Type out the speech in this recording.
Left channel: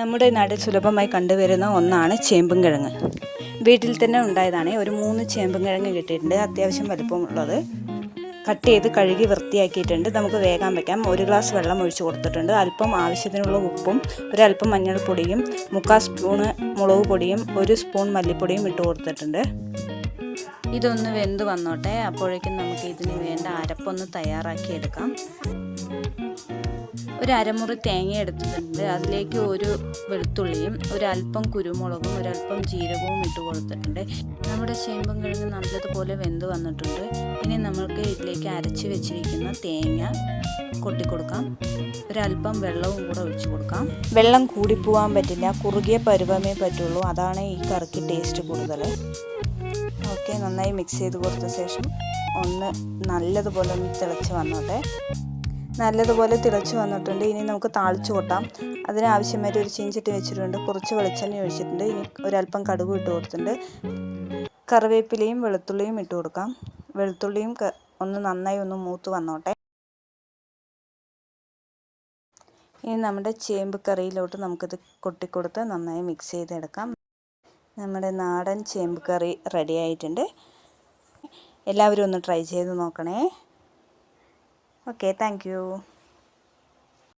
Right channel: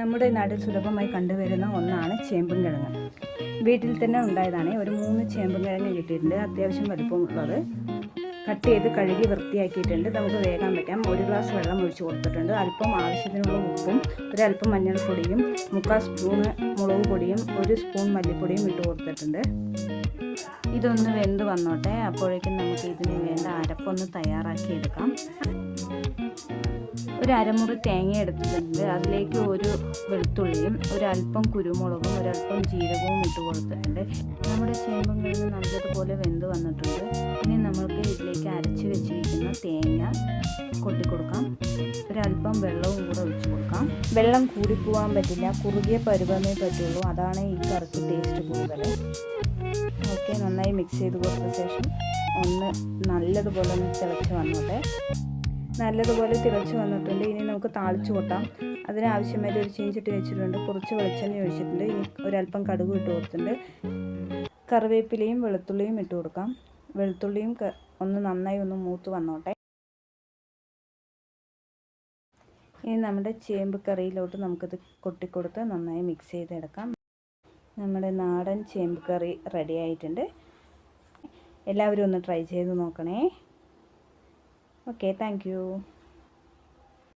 നമ്മുടെ നാട്ടിൽ സുലഭമായി കണ്ടുവരുന്ന ഒന്നാണ് ചേമ്പും കിഴങ്ങ് വീട്ടിൽ തന്നെ ഉണ്ടായതാണ് ഒരു മൂന്ന് ചേമ്പും കിഴങ്ങ് കിട്ടിയിട്ടുണ്ട്. അത്യാവശ്യം വലിപ്പമുള്ളത്. കട്ട് ചെയ്ത് കഴുകി വൃത്തിയാക്കിയിട്ടുണ്ട്. നമുക്ക് വേഗം വയ്ക്കാം ഒരു ഗ്ലാസ് വെള്ളം ഒഴിച്ച് കൊടുത്തിട്ടുണ്ട്. അല്പം ആവശ്യത്തിനുള്ള ഉപ്പും ഒരല്പം മഞ്ഞൾപ്പൊടിയും മുക്കാൽ സ്പൂണ് മുളക് പൊടിയും ഒരു സ്പൂൺ മല്ലിപ്പൊടിയും ഇട്ട് കൊടുത്തിട്ടുണ്ട്. ഇതൊന്ന് വെന്ത് വന്നോട്ടെ. അപ്പോഴേക്കും നമുക്ക് ഇതിന് വേണ്ട അരപ്പൊന്ന് തയ്യാറാക്കി എടുക്കാം ഒരു അരമുറി തേങ്ങ എടുത്തിട്ടുണ്ട്. അതിലേക്ക് ഒരു വെളുത്തുള്ളിയും ഒരല്പം കുരുമുളകും ഒരല്പം ജീരകവും ഇട്ട് കൊടുത്തിട്ടുണ്ട്. നമ്മുടെ ചേമ്പും കിഴങ്ങ് നല്ലതുപോലെ വെന്ത് വന്നിട്ടുണ്ട്. ഇനി നമ്മൾക്ക് ഇതിലേക്ക് അരച്ച് വെച്ചിരിക്കുന്ന തേങ്ങ കൊട്ടിക്കൊടുക്കാം. ഒരല്പം വെള്ളവും കൂടെ ഒഴിച്ചു കൊടുക്കാം. വെള്ളം കൂടിപ്പോവാൻ പറ്റില്ല. കുറുകിയ പരുവമേ പറ്റുള്ളൂ. അതാണ് ഈ കറിക്ക് ടേസ്റ്റ് കൂടുതൽ ഓക്കെ നന്നായി മിക്സ് ചെയ്ത് കൊടുത്ത ശേഷം ഒന്ന് നല്ലതുപോലെ ഒന്ന് തിളച്ച് വന്നോട്ടെ നല്ലതുപോലെ തിളച്ച് വന്നിട്ടുണ്ട്. ഇനി നമുക്ക് താളിച്ച് കൊട്ടാം. അതിനാവശ്യമായിട്ട് ഒരു ചീഞ്ചട്ടി വെച്ചിട്ടുണ്ട്. കുറച്ച് വെളിച്ചെണ്ണ ഒഴിച്ചിട്ടുണ്ട്. ഇനി ഒരല്പം കടുക് ഇട്ട് കൊടുത്തിട്ടുണ്ട്. കറിവേപ്പിലയും വെളുത്തുള്ളിയും ഇട്ട് കൊടുക്കാം. വെളുത്തുള്ളിയും ഒന്ന് നന്നായി ഒന്ന് മൂത്ത് വന്നോട്ടെ. ഇനി നമ്മുടെ ചേമ്പ് കറിയിലോട്ട് നമുക്കിത് കൊട്ടിക്കൊടുത്ത് നന്നായി മിക്സ് ചെയ്തെടുക്കാം. നമ്മുടെ നാടൻ ചേമ്പ് കറി റെഡി ആയിട്ടുണ്ട്. എല്ലാവരും ഒന്ന് ട്രൈ ചെയ്ത് നോക്കണേ. Okay thank